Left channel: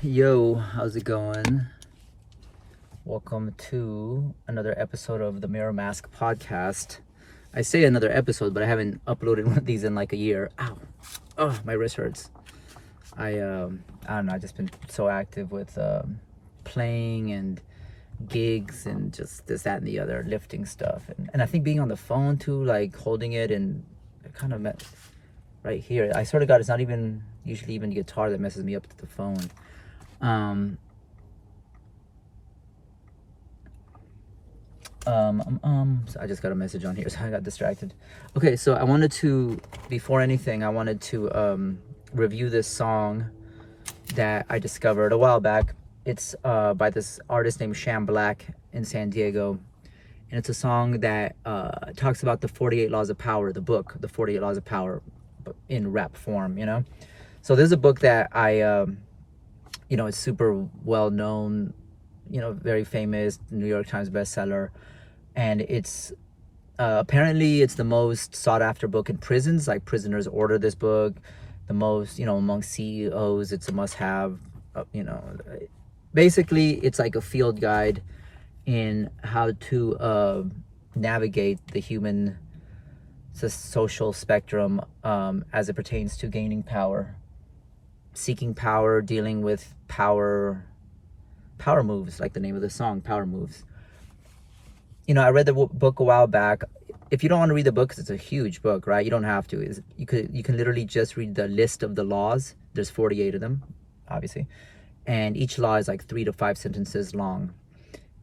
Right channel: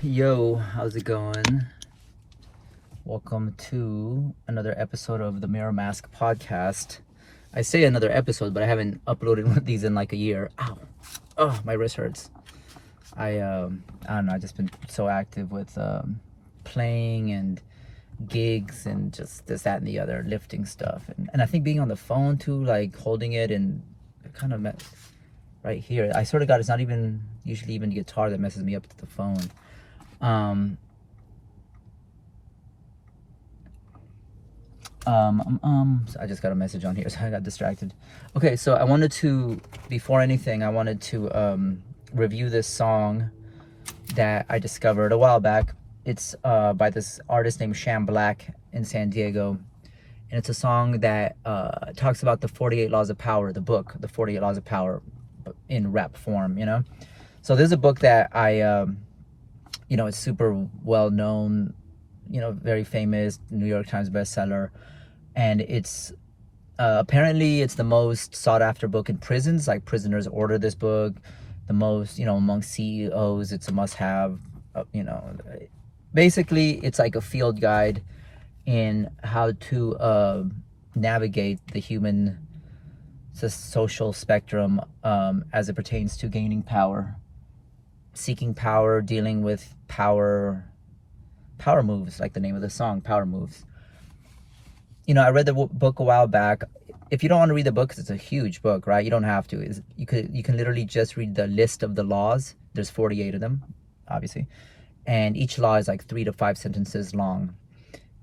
Yo, how's it going? Welcome to another episode of the MirrorMaskPodcast. I say another episode, but I haven't uploaded one of these in like a year. Ow. Oh, my wrist hurts. I don't know, I've just been so active with playing and gigs and just this, that, and the other, lifting stuff. And I think being on the phone too, like holding it and kind of right here. I sort of got, it's not even usually even the guitar that messes me up to the phone. So I just got a message on here, so I got distracted. Okay, so I wanted to, before anything, I wanted to review this song that I discovered a while back. It's by this artist named Sham Blak in San Diego. And it's a song that talks about the 48 Laws of Power, the book, the 48 Laws of Power, in rap form, you know? So there's a book that I, it's super well known, very famous, New York Times bestseller. And it's apparently it's the most sought after book in prisons. Like prisoners order this book the most, among CEOs. It's a must have, basically it's like a field guide in how to navigate the human social spectrum as it pertains to gaining power, seeking power, dealing with power moves, like the name of the song, Power Moves. I read the book a while back. If you don't want to read the book, because it's a huge book, right? You don't have to. You can literally just read the list of the laws. There's 48 of them, obviously. And each law is like 3 to 5 sentences long.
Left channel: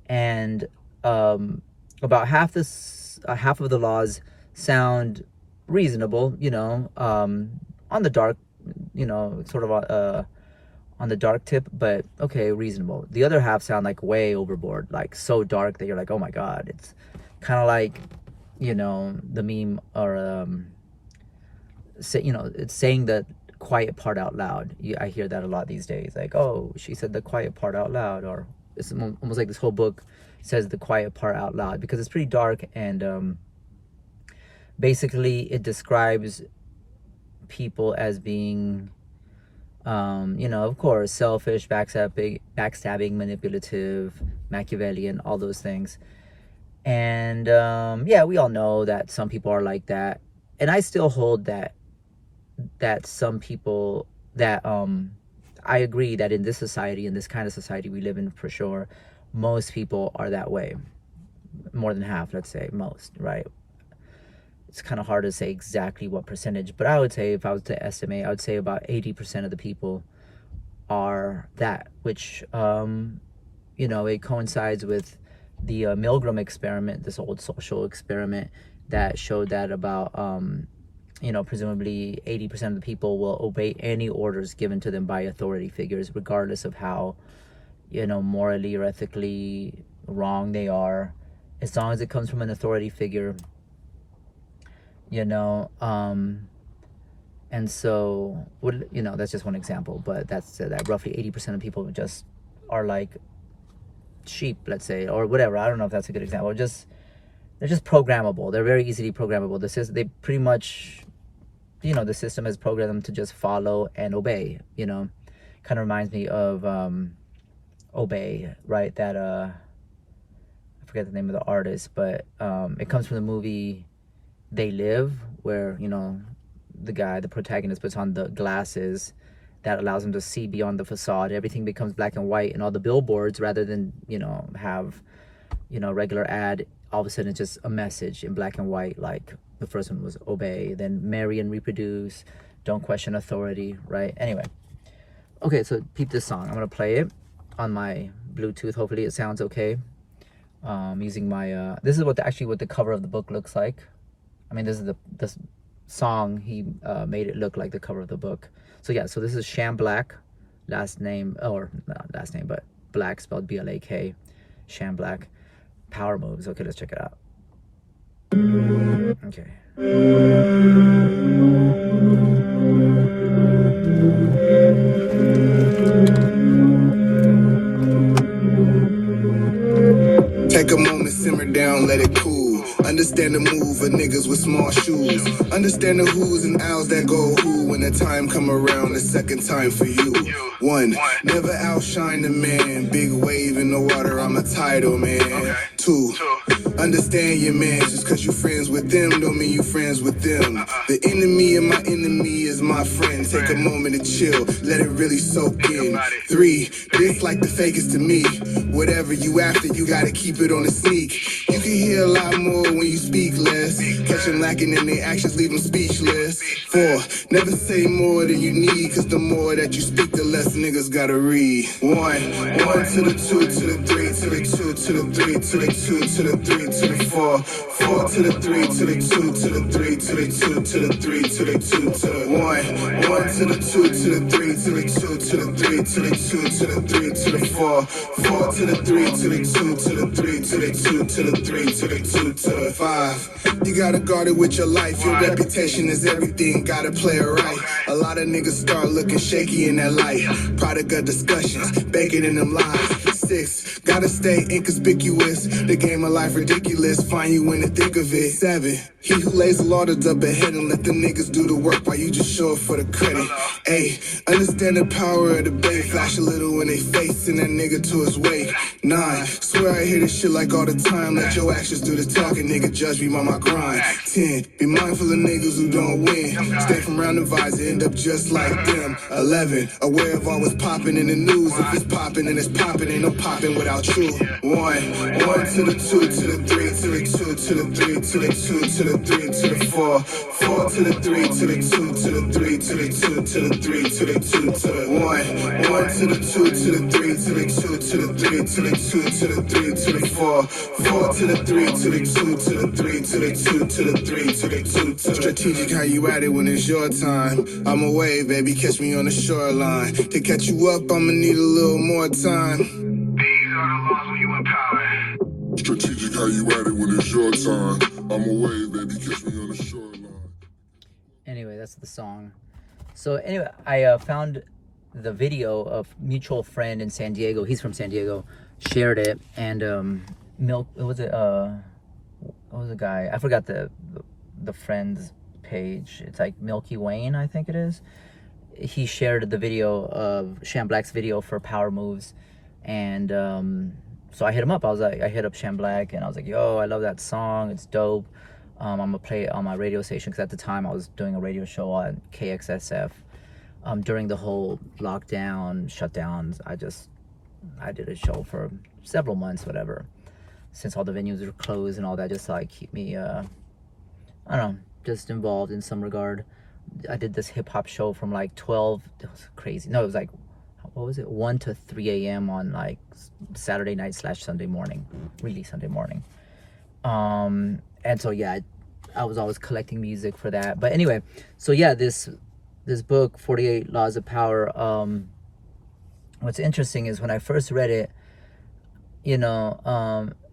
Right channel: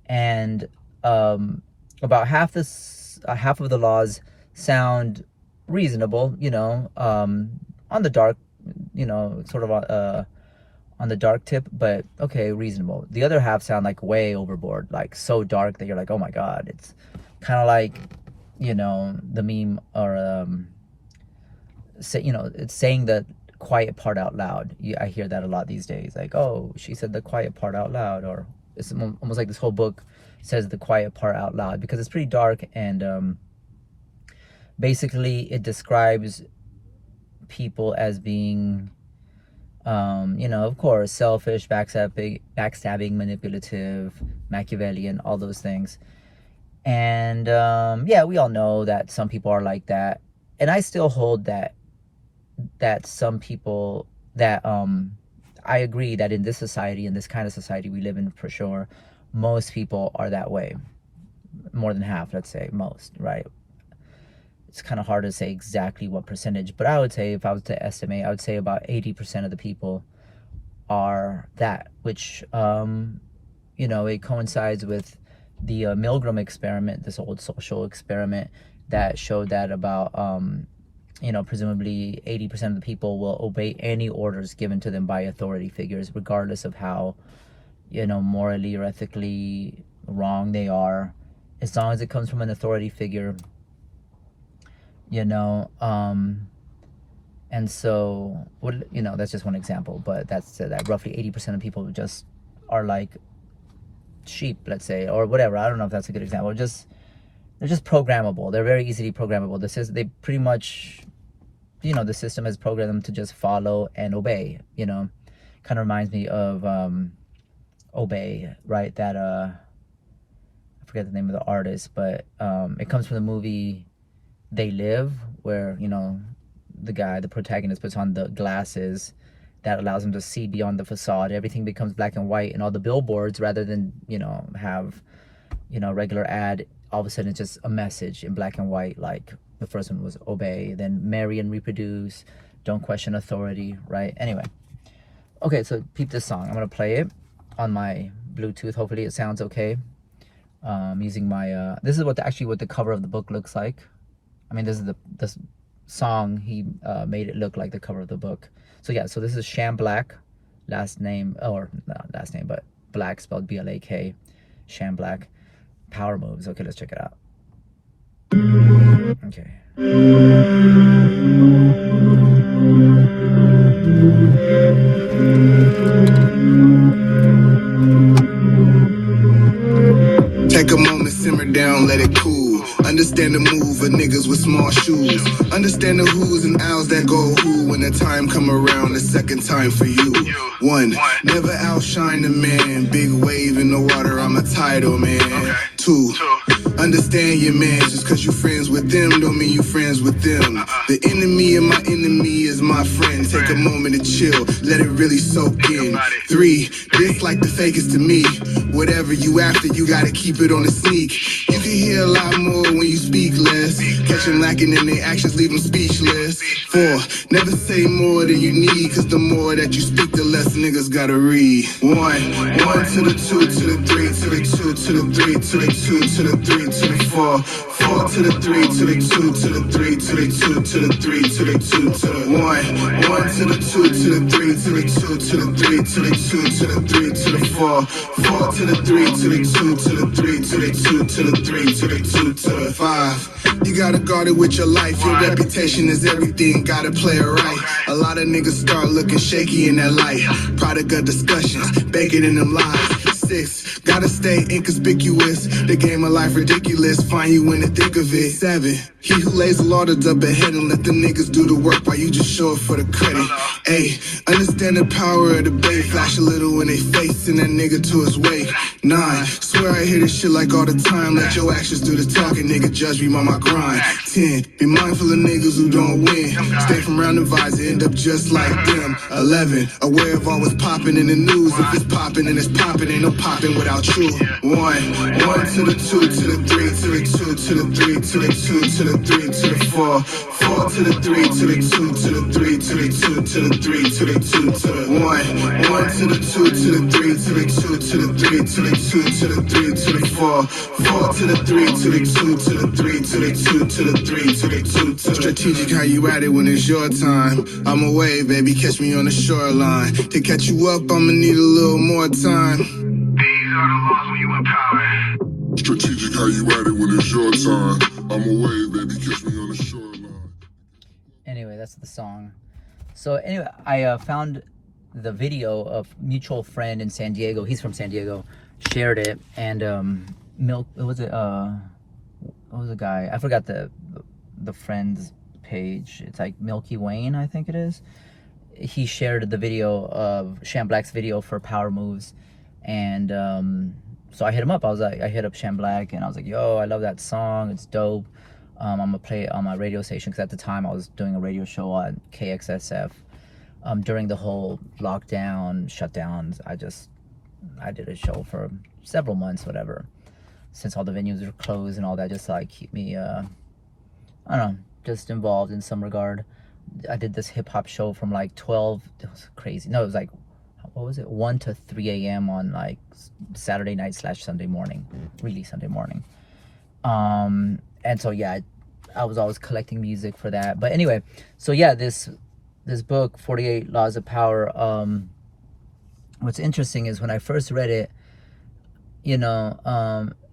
And about half of the laws sound reasonable, on the dark, sort of on the dark tip, but okay, reasonable. The other half sound like way overboard, like so dark that you're like, oh my God. It's kind of like, the meme or, it's saying the quiet part out loud. I hear that a lot these days. Like, oh, she said the quiet part out loud. Or it's almost like this whole book says the quiet part out loud because it's pretty dark. And basically it describes people as being of course, selfish, backstabbing, manipulative, Machiavellian, all those things. And we all know that some people are like that. And I still hold that some people that I agree that in this society, in this kind of society we live in, for sure, most people are that way. More than half, let's say, most, right? It's kind of hard to say exactly what percentage, but I would say, if I was to estimate, I would say about 80% of the people are that, which, it coincides with the Milgram experiment, this old social experiment that showed that about, presumably 80% of the people will obey any orders given to them by authority figures, regardless of how, morally or ethically wrong they are, as long as it comes from an authority figure. And so that's just one example, but that's that roughly 80% of people just are like sheep, let's say, or whatever. I don't know if that's a good example. They're just programmable. They're very easily programmable. They pretty much, the system has programmed them to just follow and obey. Kind of reminds me of Obey, right? That I forget the name of the artist, but it comes from the movie They Live, where the protagonist puts on the glasses that allows him to see beyond the facade. Everything becomes black and white, and all the billboards, rather than have regular ad, all of a sudden it's just a message in black and white. Like the first one was obey, then marry and reproduce, don't question authority, right? Anyway, okay, so peep this song. I'm gonna play it on my Bluetooth. Hopefully it sounds okay. Using my this is what the cover of the book looks like. I mean, this is this song, he made it look like the cover of the book. So yeah, so this is Sham Blak, last name, or not last name, but Black spelled B-L-A-K, Sham Blak, Power Moves. Okay, let's check it out. Okay. Take a moment, simmer down, let it cool. Understand the move of niggas with small shoes. Understand the who's and ows that go who when the time come around the second time for you. One, never out shine the man. Big wave in the water, I'm a tidal man. 2, understand your man. Just cause you friends with them don't mean you friends with them. The enemy of my enemy is my friend. Take a moment to chill, let it really soak in. 3, this like the fakest to me. Whatever you after, you gotta keep it on the sneak. You can hear a lot more when you speak less. Catch them lacking in their actions, leave them speechless. 4, never say more than you need, cause the more that you speak, the less niggas gotta read. 1 to the 2 to the 3 to the 2 to the 3 to the 2 to the 3 to the 4 to the 3 to the 2 to the 3 to the 2 to the 3 to the 2 to the 1 to the 2 to the 3 to the 2 to the 3 to the 2 to the 3 to the 4 to the 3 to the 2 to the 3 to the 2 to the 3 to the 2 to the 5. You gotta guard it with your life. Your reputation is everything. Gotta play it right. A lot of niggas start looking shaky in that light. Product of discussions, bake it in them lies. 6, gotta stay inconspicuous. The game of life ridiculous. Find you in the thick of it. 7, he who lays the law to up ahead and let the niggas do the work while you just show up for the credit. 8, understand the power of the bait. Flash a little in they face and that nigga to his wake. 9, swear I hear this shit like all the time. Let your actions do the talking, nigga judge me by my grind. 10, be mindful of niggas who don't win. Stay from round the vibes and end up just like them. 11, aware of all what's popping in the news. If it's popping and it's popping, ain't no popping without you. 1 to the 2 to the 3 to the 2 to the 3 to the 2 to the 3 to the 4 to the 3 to the 2 to the 3 to the 2 to the 3 to the 2 to the 1 to the 2 to the 3 to the 2 to the 3 to the 2 to the 3 to the 4 to the 3 to the 2 to the 3 to the 2 to the 3 to the 2 to strategic how you at it when it's your time. I'm away, baby, catch me on the shoreline. To catch you up, I'ma need a little more time. These are the laws when you empower. Strategic how you at it when it's your time. I'm away, baby, catch me on the shoreline. Anyway, that's the song. So anyway, I found the video of mutual friend in San Diego. He's from San Diego. Shared it, and what was the guy? I forgot the friend's page. It's like Milky Wayne, I think it is. He shared the video of Sham Blak's video for Power Moves, and so I hit him up. I hit up Sham Blak, and I was like, yo, I love that song. It's dope. I'm gonna play it on my radio station, because at the time I was doing a radio show on KXSF. During the whole lockdown, shutdowns, I did a show for several months, whatever, since all the venues were closed and all that, just to like keep me, I don't know, just involved in some regard. I did this hip hop show from like 12, it was crazy. No, it was like, what was it? 1 to 3 a.m. on like Saturday night / Sunday morning, really Sunday morning. And so, yeah, I was always collecting music for that. But anyway, so yeah, this book, 48 Laws of Power, what's interesting is when I first read it, you know,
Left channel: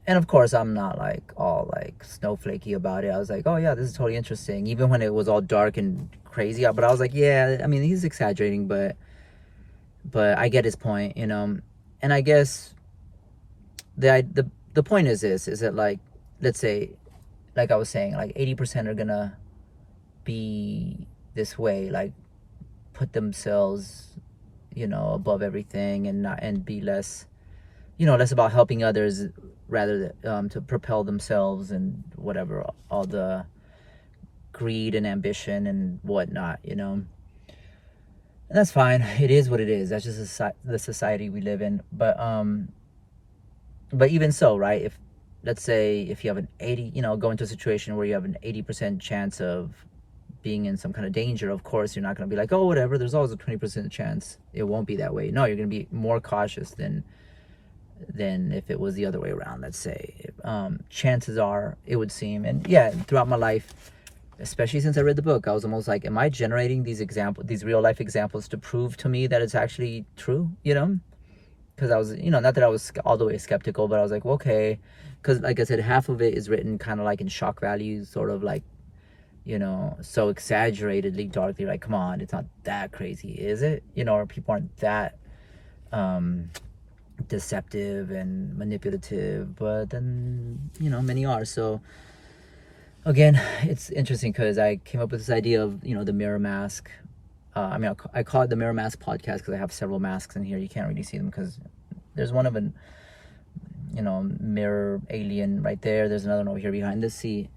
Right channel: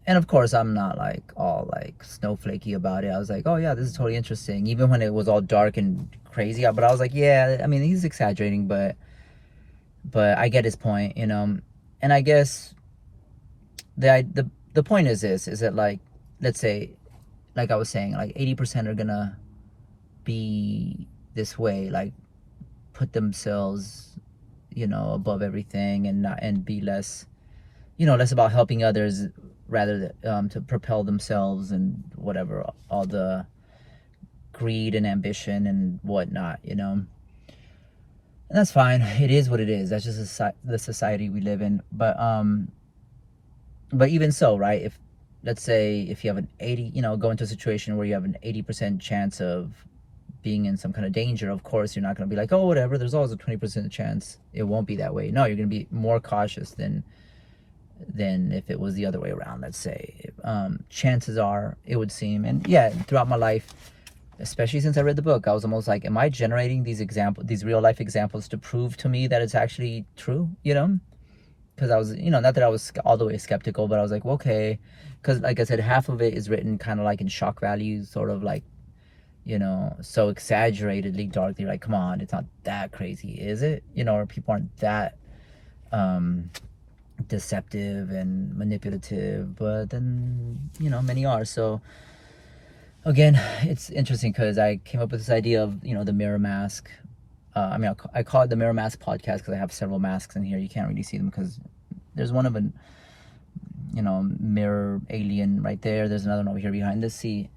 and of course I'm not like all like snowflakey about it. I was like, oh yeah, this is totally interesting, even when it was all dark and crazy. But I was like, yeah, I mean, he's exaggerating, but I get his point, you know. And I guess the point is this, is that, like, let's say, like I was saying, like 80% are gonna be this way, like put themselves, you know, above everything, and be less, you know, less about helping others rather than to propel themselves and whatever, all the greed and ambition and whatnot, you know. And that's fine. It is what it is. That's just the society we live in. But even so, right? If, let's say, if you have an 80, you know, go into a situation where you have an 80% chance of being in some kind of danger, of course you're not going to be like, oh, whatever, there's always a 20% chance. It won't be that way. No, you're going to be more cautious than if it was the other way around, let's say. Chances are, it would seem, and yeah, throughout my life, especially since I read the book, I was almost like, am I generating these real life examples to prove to me that it's actually true, you know? Because I was, you know, not that I was all the way skeptical, but I was like, well, okay, because like I said, half of it is written kind of like in shock value, sort of like, you know, so exaggeratedly darkly, like, come on, it's not that crazy, is it? You know, or people aren't that deceptive and manipulative, but then, you know, many are. So again, it's interesting because I came up with this idea of, you know, the mirror mask I mean, I call it the MirrorMaskPodcast because I have several masks in here. You can't really see them because there's one of an, mirror alien right there. There's another one over here behind this seat.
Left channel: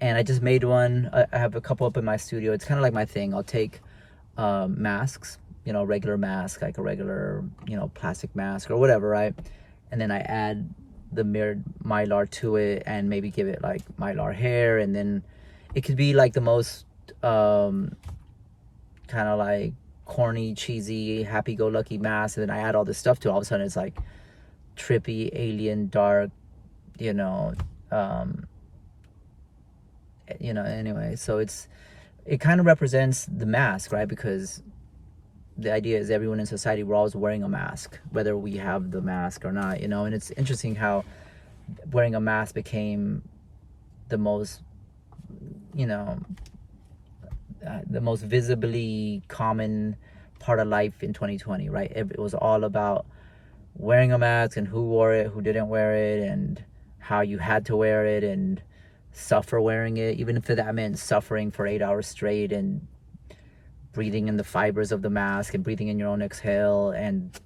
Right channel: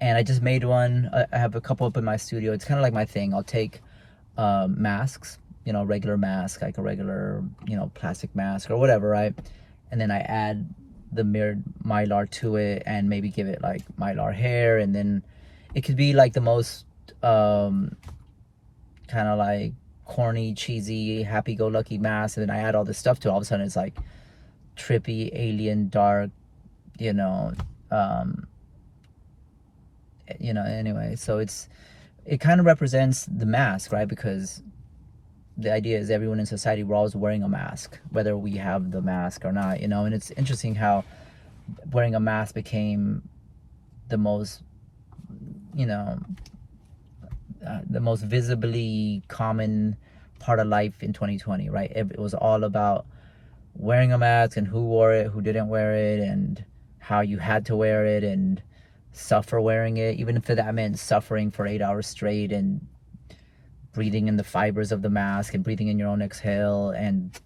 And I just made one. I have a couple up in my studio. It's kind of like my thing. I'll take masks, regular mask, like a regular, plastic mask or whatever, right? And then I add the mirrored mylar to it and maybe give it like mylar hair. And then it could be like the most kind of like corny, cheesy, happy-go-lucky mask. And then I add all this stuff to it. All of a sudden it's like trippy, alien, dark, anyway. So it kind of represents the mask, right? Because the idea is everyone in society, we're always wearing a mask, whether we have the mask or not, and it's interesting how wearing a mask became the most, the most visibly common part of life in 2020, right? It was all about wearing a mask and who wore it, who didn't wear it, and how you had to wear it and suffer wearing it, even if that meant suffering for 8 hours straight and breathing in the fibers of the mask and breathing in your own exhale and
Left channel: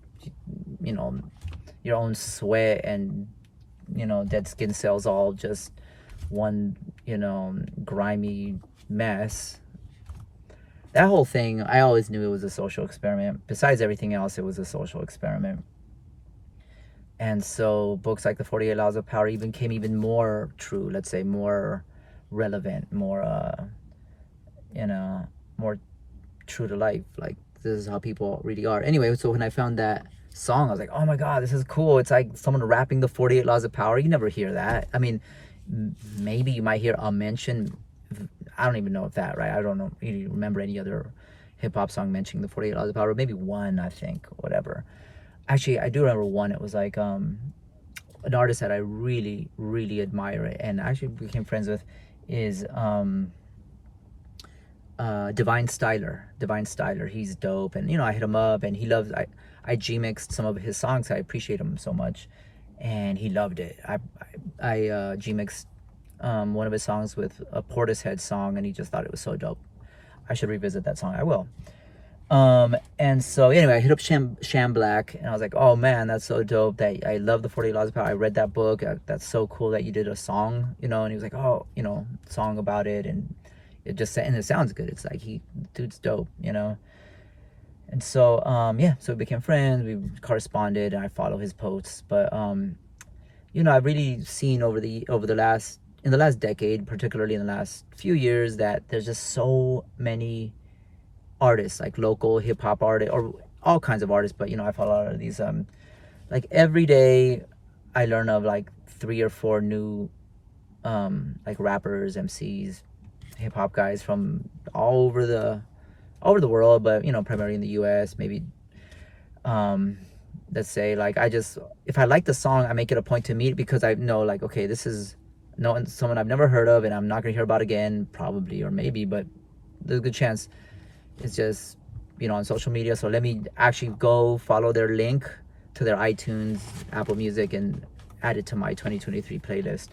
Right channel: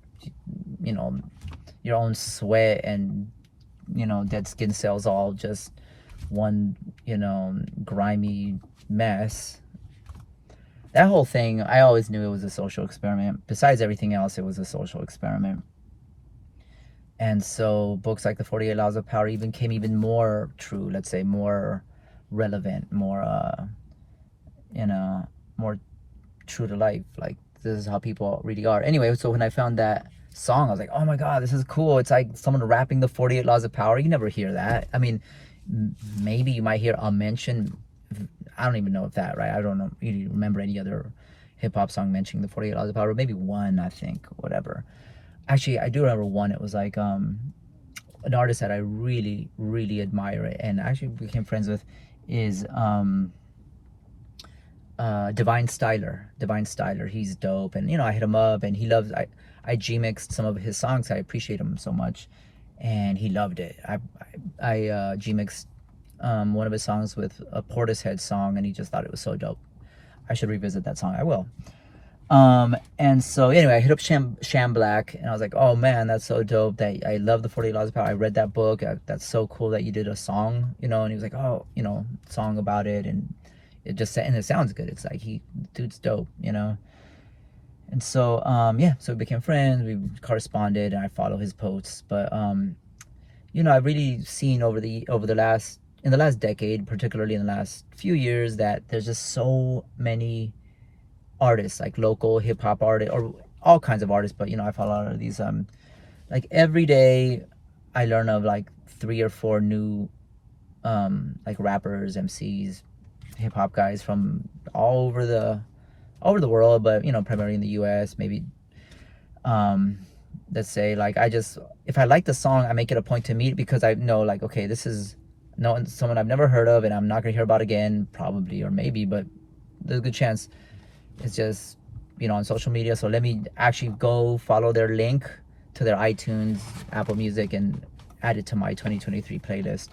your own sweat and dead skin cells, all just one grimy mess. That whole thing, I always knew it was a social experiment. Besides everything else, it was a social experiment. And so books like the 48 Laws of Power became even more true, let's say more relevant, more more true to life. Like, this is how people really are. Anyway, so when I found that song, I was like, oh my God, this is cool. It's like someone rapping the 48 Laws of Power. You never hear that. I mean, maybe you might hear a mention. I don't even know if that, right? I don't know. You remember any other hip hop song mentioning the 48 Laws of Power? Maybe one, I think, whatever. Actually, I do remember one. It was like an artist that I really, really admire it and actually became friends with is Divine Styler. He's dope, and I hit him up, and he loves. I G-mixed some of his songs. I appreciate him so much, and he loved it. I G-mixed one of his songs with a Portishead song, and he just thought it was so dope. I should revisit that song. I will. And so anyway, I hit up Sham Blak, and I was like, oh man, that's so dope. That I love the 48 Laws of Power. I read that book. That's so cool that you did a song, and he was like, oh, song about it, and it sounds good. It's like dude's dope, And so so we became friends. We corresponded, and I follow his posts. But I've really seen in the last decade, particularly in the last few years, that there's just so many artists, like local hip-hop artists or all kinds of artists, but I follow a lot of these like every day I learn of like 3 or 4 new like rappers, MCs, hip-hop guys from all over the world, but primarily in the US. Maybe let's say, like, if I like the song, I make it a point to meet, because I know, like, okay, this is someone I've never heard of and I'm not gonna hear about again, probably, or maybe, but there's a good chance it's just on social media. So let me actually go follow their link to their iTunes, Apple Music, and add it to my 2023 playlist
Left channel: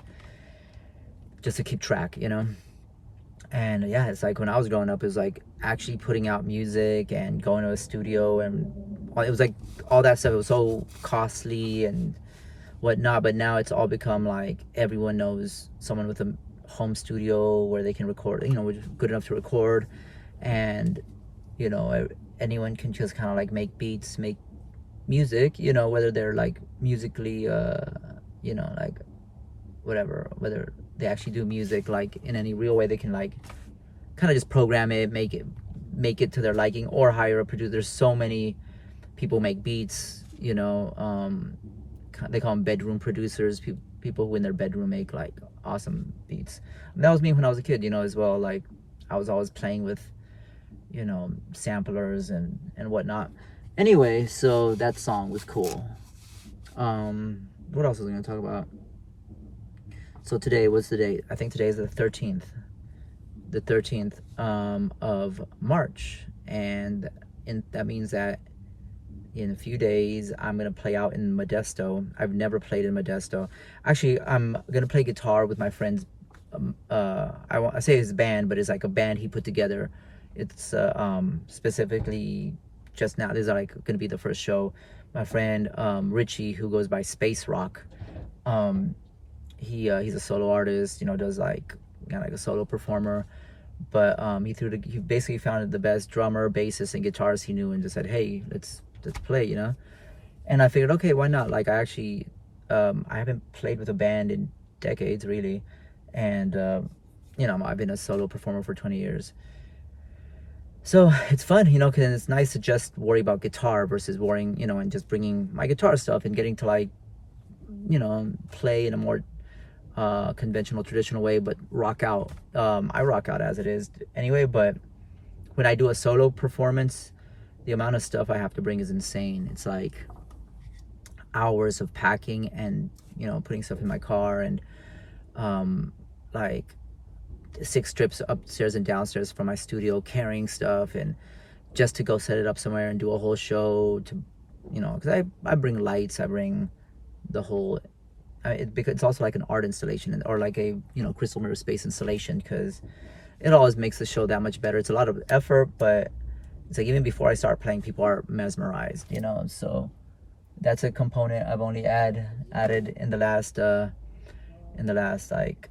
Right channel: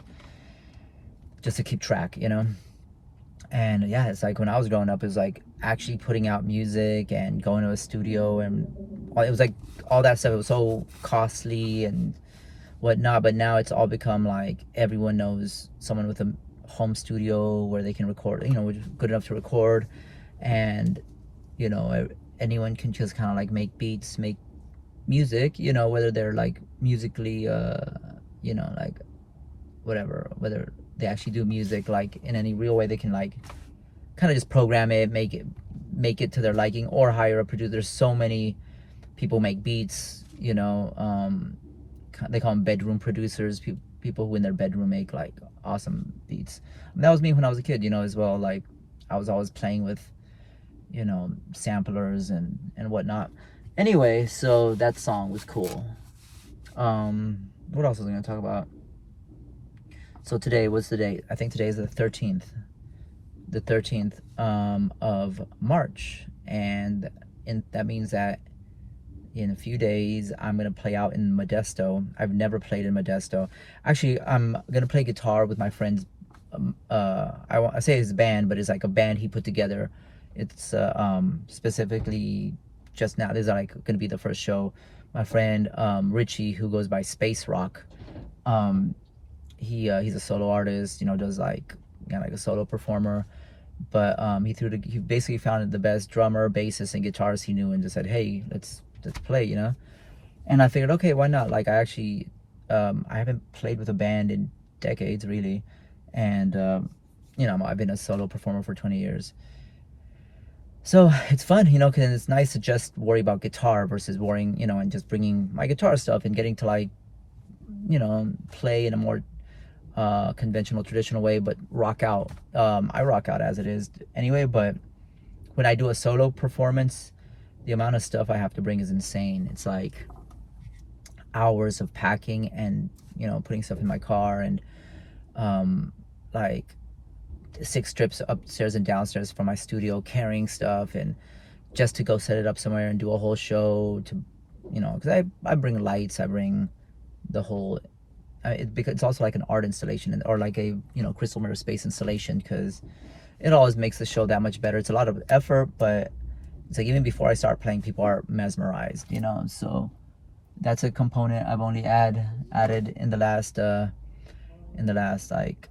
just to keep track, And yeah, it's like when I was growing up, it was like actually putting out music and going to a studio, and it was like all that stuff. It was so costly and whatnot, but now it's all become like everyone knows someone with a home studio where they can record, which is good enough to record, and anyone can just kind of like make beats, make music, whether they're like musically like whatever, whether they actually do music like in any real way. They can like kind of just program it, make it to their liking, or hire a producer. There's so many people make beats, they call them bedroom producers, people who in their bedroom make like awesome beats. And that was me when I was a kid, as well. Like, I was always playing with samplers and whatnot. Anyway, so that song was cool. What else was I gonna talk about? So today, what's the date? I think today is the 13th of March, and that means that in a few days I'm gonna play out in Modesto. I've never played in Modesto. Actually, I'm gonna play guitar with my friend's I say his band, but it's like a band he put together. It's specifically just now. This is like gonna be the first show. My friend Richie, who goes by Space Rock, he's a solo artist. Does like like a solo performer. But he basically found the best drummer, bassist, and guitarist he knew, and just said, "Hey, let's play," And I figured, okay, why not? Like I actually, I haven't played with a band in decades, really, and I've been a solo performer for 20 years. So it's fun, because it's nice to just worry about guitar versus worrying, and just bringing my guitar stuff and getting to like, play in a more conventional, traditional way, but rock out. I rock out as it is anyway, but when I do a solo performance, the amount of stuff I have to bring is insane. It's like hours of packing and, putting stuff in my car, and like 6 trips upstairs and downstairs from my studio, carrying stuff, and just to go set it up somewhere and do a whole show to, because I bring lights, I bring the whole, because it's also like an art installation or like a, crystal mirror space installation, because it always makes the show that much better. It's a lot of effort, but it's like even before I start playing, people are mesmerized, so that's a component I've only added in the last like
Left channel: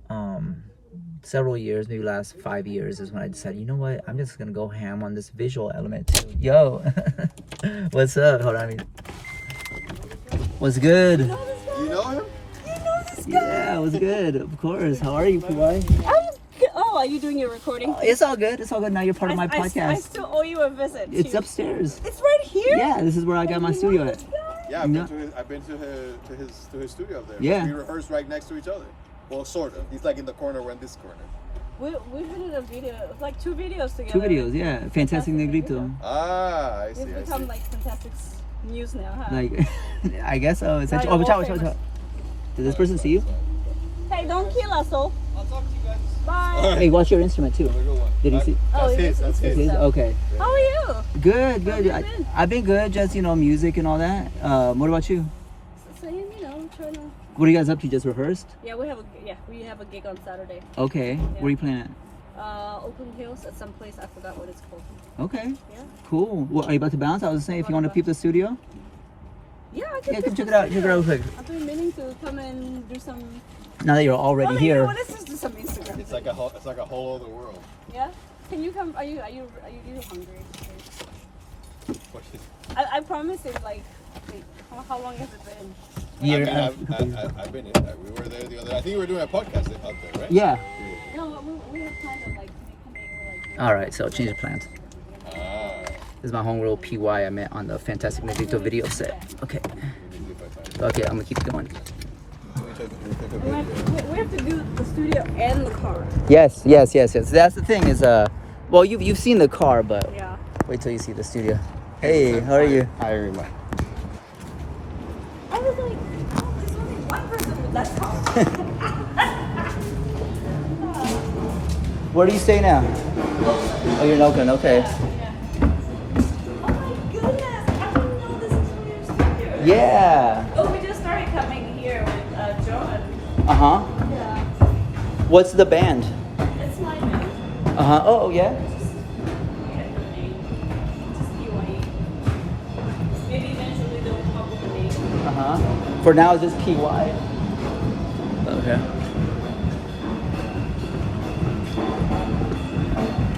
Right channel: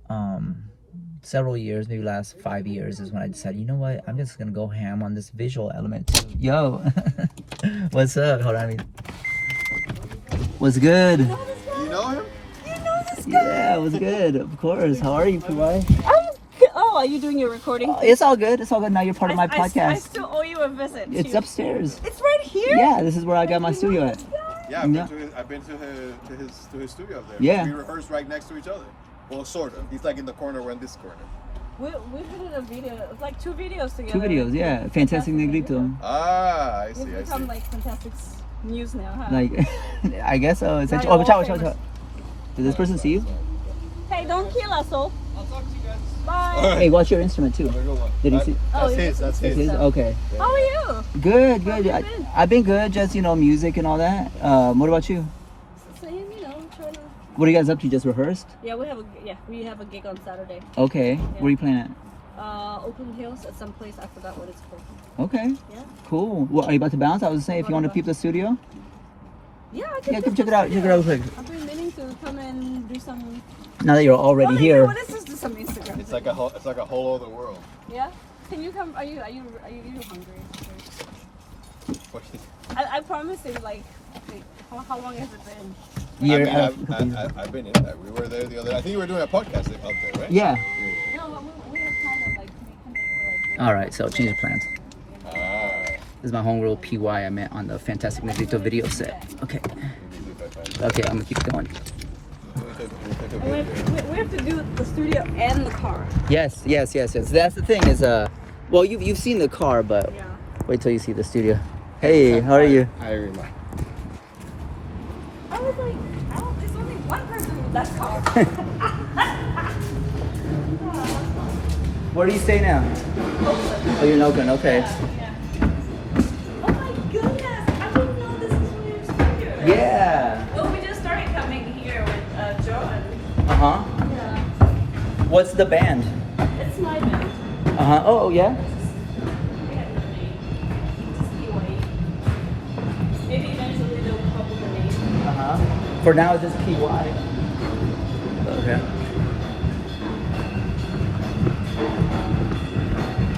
several years, maybe last 5 years, is when I decided, you know what, I'm just gonna go ham on this visual element. Yo, what's up? Hold on. What's good? You know him? Yeah, it was good. Of course. How are you, Piwai? Oh, are you doing your recording? It's all good. It's all good. Now you're part of my podcast. I still owe you a visit. It's upstairs. It's right here? Yeah, this is where I got my studio at. Yeah, I've been to his studio there. Yeah. We rehearse right next to each other. Well, sort of. He's like in the corner, we're in this corner. We did a video. It was like 2 videos together. 2 videos, yeah. Fantastic Negrito. Ah, I see. We've become like Fantastic News now, huh? Like, I guess so. Essentially. Oh, watch out. Does this person see you? Hey, don't kill us, all. Alright. Hey, watch your instrument too. Did he see? That's his. That's his? Okay. How are you? Good. How you been? I've been good. Just music and all that. What about you? Same, trying to. What are you guys up to? Just rehearsed? Yeah, we have a gig on Saturday. Okay. Where are you playing Oakland Hills at some place. I forgot what it's called. at? Okay. Yeah. Cool. Well, are you about to bounce? I was saying, if you want to peep the studio. Yeah, I can. Yeah, come check it out. Check it out real quick. I've been meaning to come and do some. Now that you're already here. What is this? Do some Instagram. It's like a whole other world. Yeah. Can you come? Are you hungry? I promise you, like, how long has it been? I've been in there. We were there the other. I think we were doing a podcast out there, right? Yeah. No, we have planned on like. All right. So change of plans. Ah. This is my homegirl Piwai I met on the Fantastic Negrito video set. Okay. Okay, I'm gonna keep going. We have to do the studio and the car. Yes. That's the thing is, well, you've seen the car, but Yeah. wait till you see the studio. Hey, how are you? Hi. I was like, oh, there's only one person in that car. Where do you stay now? Oh, you're in Oakland. Okay. Oh my goodness! I didn't know this was your studio. Yeah. Oh, we just started coming here with John. Uh-huh. Yeah. What's the band? It's my band. Uh-huh. Oh, yeah. We have the name. Just Piwai. Maybe eventually they'll come up with a name. Uh-huh. For now, it's just PY. Okay.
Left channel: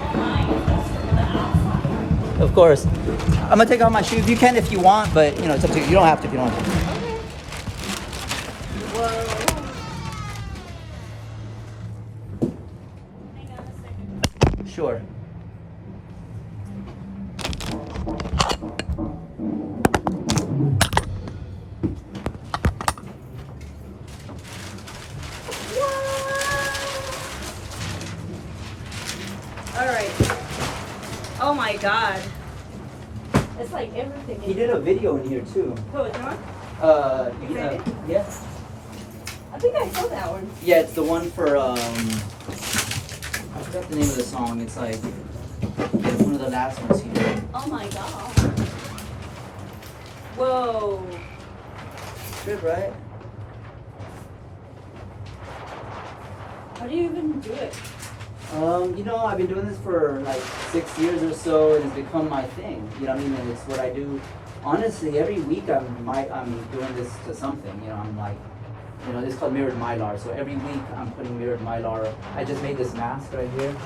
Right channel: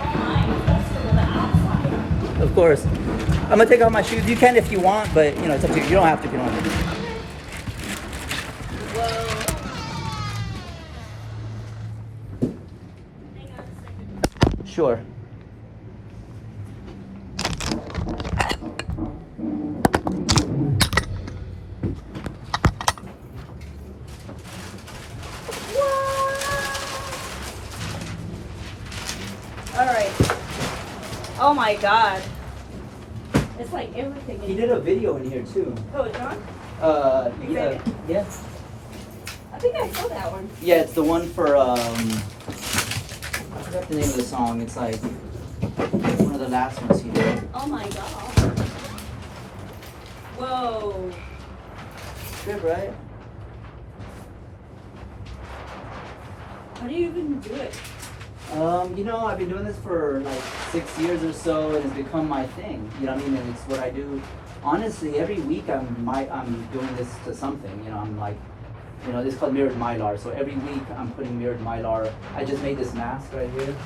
Oh my, that's for the outside. Of course. I'm gonna take off my shoes. You can if you want, but it's up to you. You don't have to if you don't have to. Sure. All right. Oh my God. It's like everything. He did a video in here too. Oh, John? Yeah. Yeah. I think I saw that one. Yeah, it's the one for I forgot the name of the song. It's like one of the last ones he did. Oh my God. Whoa. Trip, right? How do you even do it? You know, I've been doing this for like 6 years or so, and it's become my thing. You know what I mean? And it's what I do. Honestly, every week I'm doing this to something. You know, I'm like, you know, this is called mirrored mylar. So every week I'm putting mirrored mylar. I just made this mask right here.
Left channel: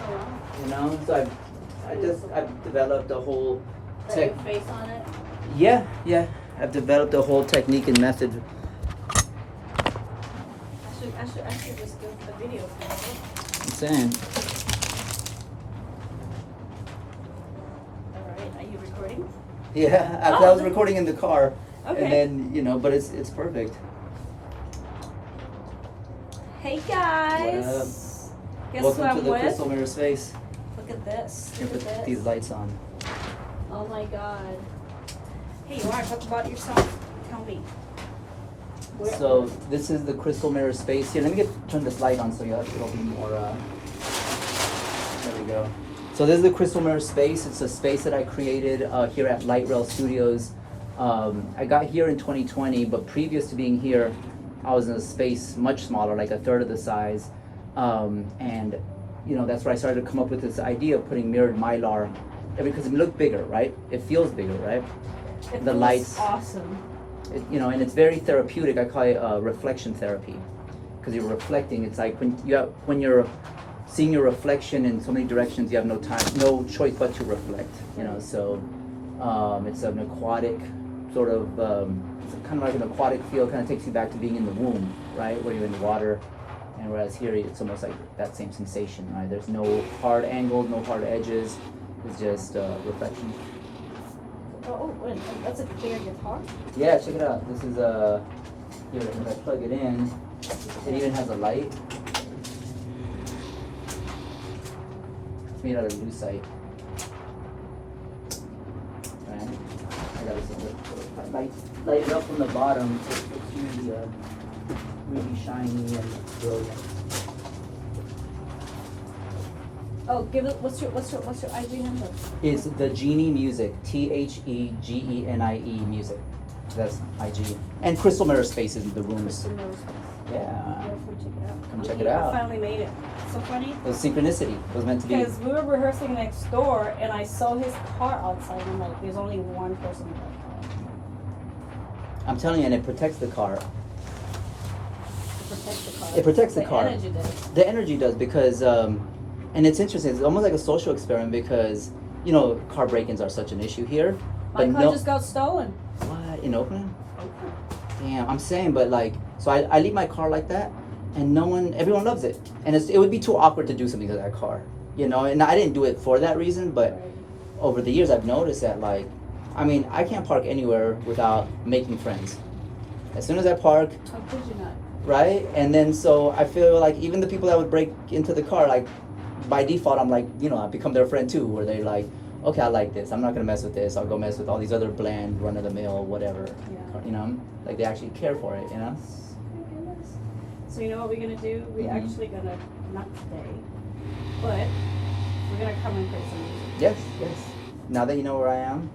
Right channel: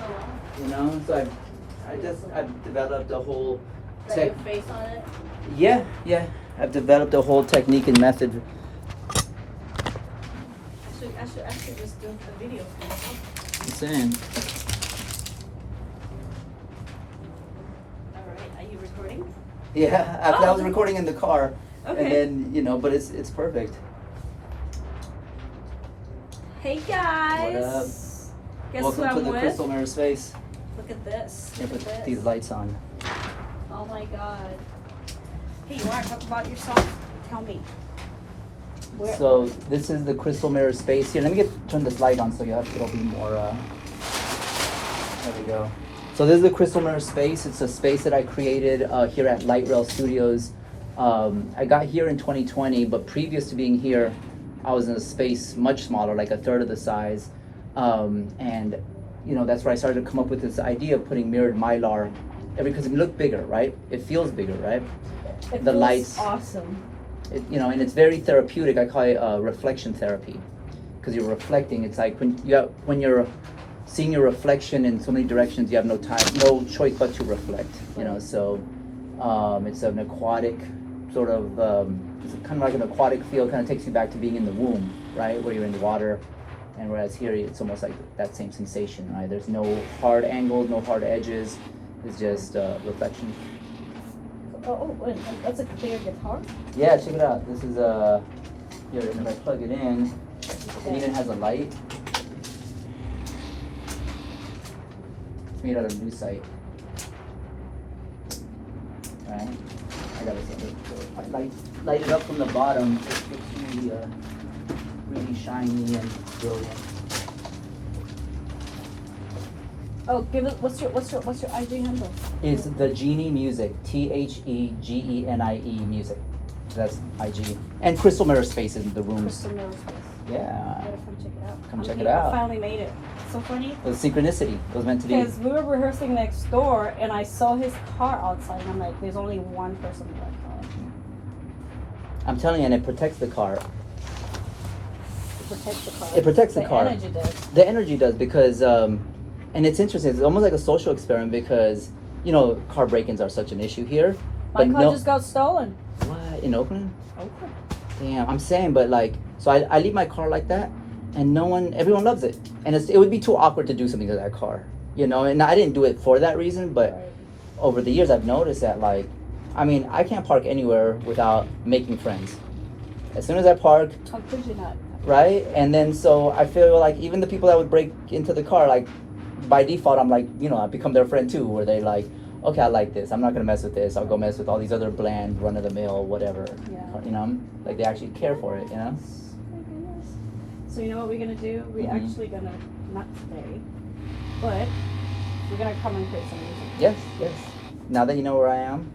Oh wow. You know, so I've developed a whole Got your face on it. Yeah, I've developed a whole technique and method. I should just do a video for you. I'm saying. Alright, are you recording? Yeah, I was recording in the car, Okay. and then you know, but it's perfect. Hey guys! What up? Guess Welcome who I'm to the with? Crystal Mirror Space. Look at this. Here, Look put at these this. lights on. Oh my god. Hey, you want to talk about yourself? Tell me. Where- So this is the Crystal Mirror Space. Here, let me turn this light on so it'll be more. There we go. So this is the Crystal Mirror Space. It's a space that I created here at Light Rail Studios. I got here in 2020, but previous to being here, I was in a space much smaller, like a third of the size. And you know, that's where I started to come up with this idea of putting mirrored mylar, because it looked bigger, right? It feels bigger, right? It The feels lights. awesome. You know, and it's very therapeutic. I call it reflection therapy, because you're reflecting. It's like when you're seeing your reflection in so many directions, you have no choice but to reflect. You know, so it's an aquatic sort of, it's kind of like an aquatic feel. Kind of takes you back to being in the womb, right, where you're in the water. And whereas here, it's almost like that same sensation. Right? There's no hard angles, no hard edges. It's just reflection. Oh, wait, that's a clear guitar? Yeah, check it out. This is here, if I plug it in, it even has a light. It's made out of lucite. Right? I gotta say, light it up from the bottom. So it's really shiny and brilliant. Oh, give it. What's your IG handle? It's the Genie Music, TheGenie Music. That's IG. And Crystal Mirror Space is the rooms. Crystal Mirror Space. Yeah. Gotta come check it Come check it out. I out. finally made it. So funny. It was synchronicity. It was meant to be. Because we were rehearsing next door, and I saw his car outside, and I'm like, "There's only one person in that car." I'm telling you, and it protects the car. It protects the car. It protects the car. Energy does. The energy does, because, and it's interesting. It's almost like a social experiment, because, you know, car break-ins are such an issue here. My But car no, just got stolen. what, in Oakland? Okay. Damn, I'm saying, but like, so I leave my car like that, and everyone loves it, and it would be too awkward to do something to that car, you know. And I didn't do it for that reason, but Right. over the years I've noticed that, like, I mean, I can't park anywhere without making friends. As soon as I park, How could you not? right? And then so I feel like even the people that would break into the car, like, by default, I'm like, you know, I become their friend too, where they like, okay, I like this. I'm not gonna mess with this. I'll go mess with all these other bland, run of the mill, whatever. Yeah. You know, like they actually care for it. You know. So you know what we're gonna do? We're Mhm. actually gonna, not today, but we're gonna come and create some music. Yes, yes. Now that you know where I am,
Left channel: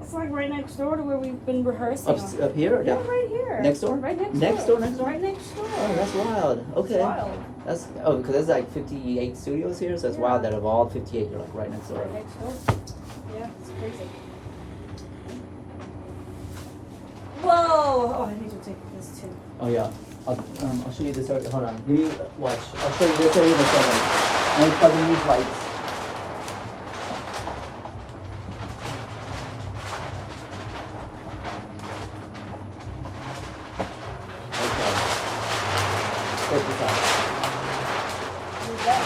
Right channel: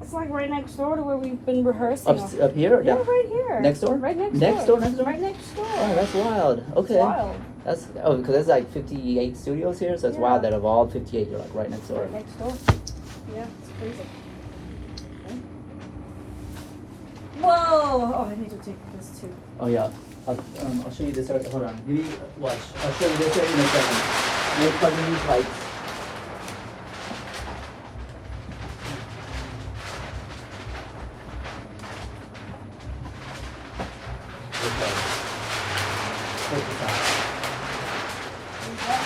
It's like right next door to where we've been rehearsing. up here, Yeah, right here. Next door? Right next, Next door. door, next door? Right next door. Oh, that's wild. Okay. It's wild. That's because there's like 58 studios here, so it's Yeah. wild that of all 58, you're like right next door. Right next door. Yeah, it's crazy. Whoa! Oh, I need to take this too. Oh yeah. I'll show you this. Hold on. Give me watch. I'll show you this area in a second. Next time we use lights. Okay. Check this out. Who's that?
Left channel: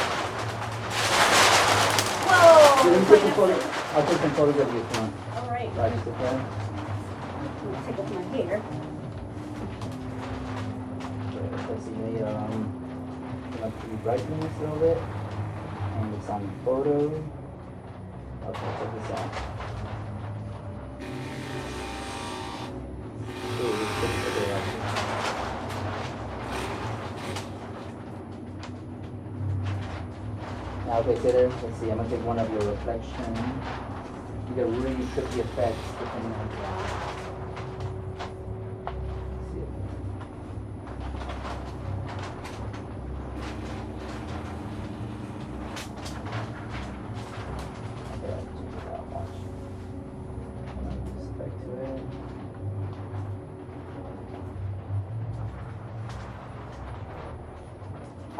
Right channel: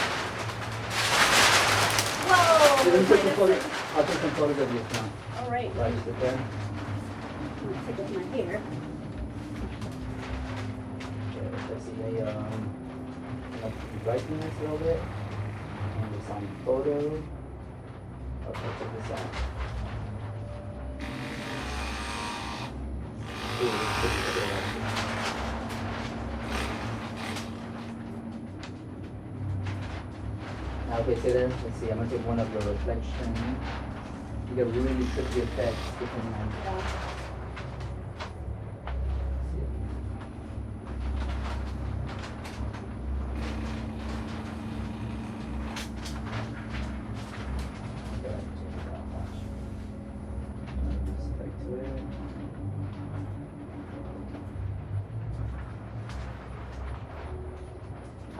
Whoa! Let me take some photos. I'll take some photos of you. Come on. All right, Right, right. sit there. Take it in my hair. Let's see the like the brightness a little bit. And it's on the photo. Okay, check this out. Ooh, it's good there. Now, okay, stay there. Let's see. I'm gonna take one of your reflection. You get really tricky effects.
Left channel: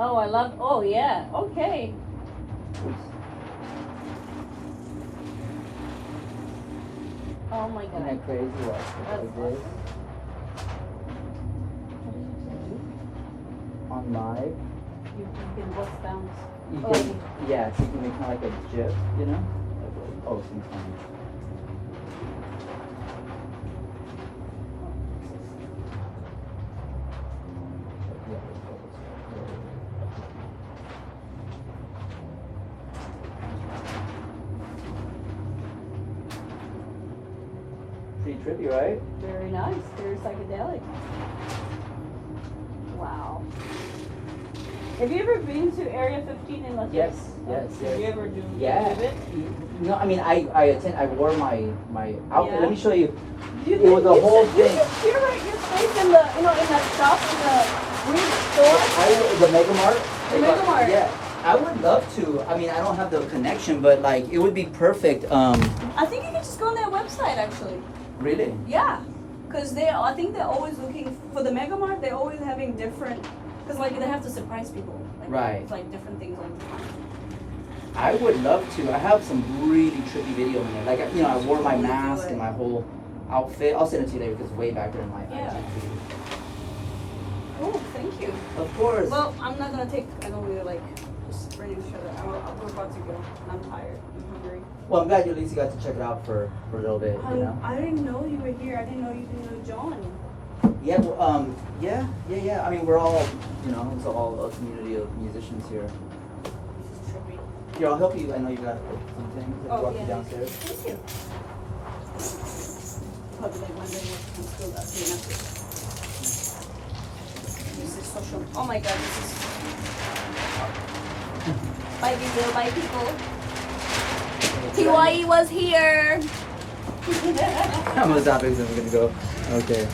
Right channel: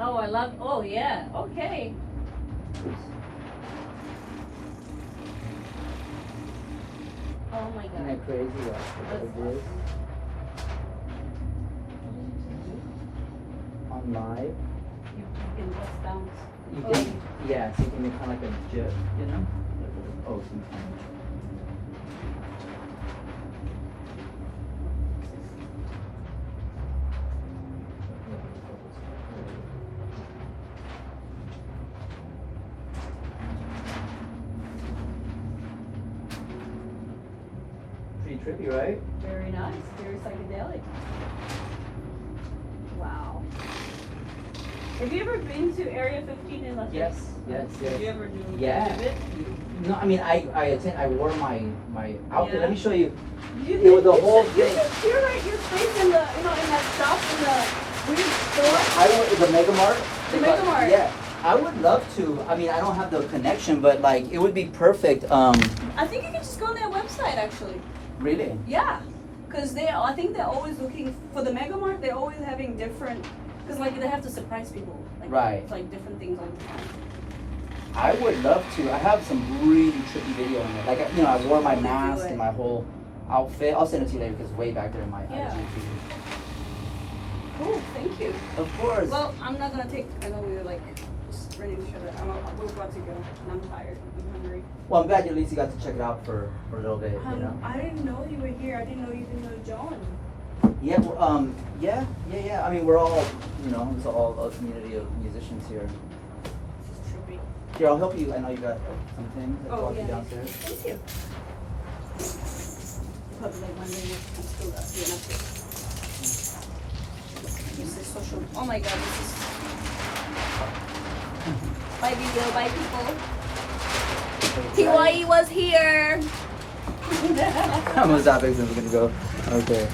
Oh, I love. Oh, yeah. Okay. Oh my Isn't god. that crazy? What we did on live. You can bust down. You Oh. can, yeah, so you can make kind of like a GIF, you know? Oh, sometimes. Pretty trippy, right? Very nice. Very psychedelic. Wow. Have you ever been to Area 15 in Las Yes, Vegas? yes. Did you ever do Yeah. any of it? No, I mean, I wore my outfit. Yeah. Let me show you. You It was the you whole should- thing. You're right. Your face in the in that shop in the weird store. The Mega Mart. The Mega Mart. Yeah. I would love to. I mean, I don't have the connection, but like, it would be perfect. I think you can just go on their website actually. Really? Yeah, because I think they're always looking for the Mega Mart. They're always having different, because like they have to surprise people. Like, Right. Like different things all the time. I would love to. I have some really trippy video in it. Like, you know, I wore my Totally do mask it. and my whole outfit. I'll send it to you later because it's way back there in my Yeah. IG feed. Cool, thank you. Of course. Well, I'm not gonna take. I know we're like just ready to shut it. We're about to go. And I'm tired. I'm hungry. Well, I'm glad you at least got to check it out for a little bit. You know. I didn't know you were here. I didn't know you didn't know John. Yeah. Well, yeah. I mean, we're all, you know, it's all a community of musicians here. This is trippy. Here, I'll help you. I know you got like some things. I'll walk you yeah. downstairs. Thank you. Probably like one day I'm still at the end. This is social. Oh my god, this is. Bye video, bye people. Piwai was here. I'm gonna stop it since we're gonna go. Okay.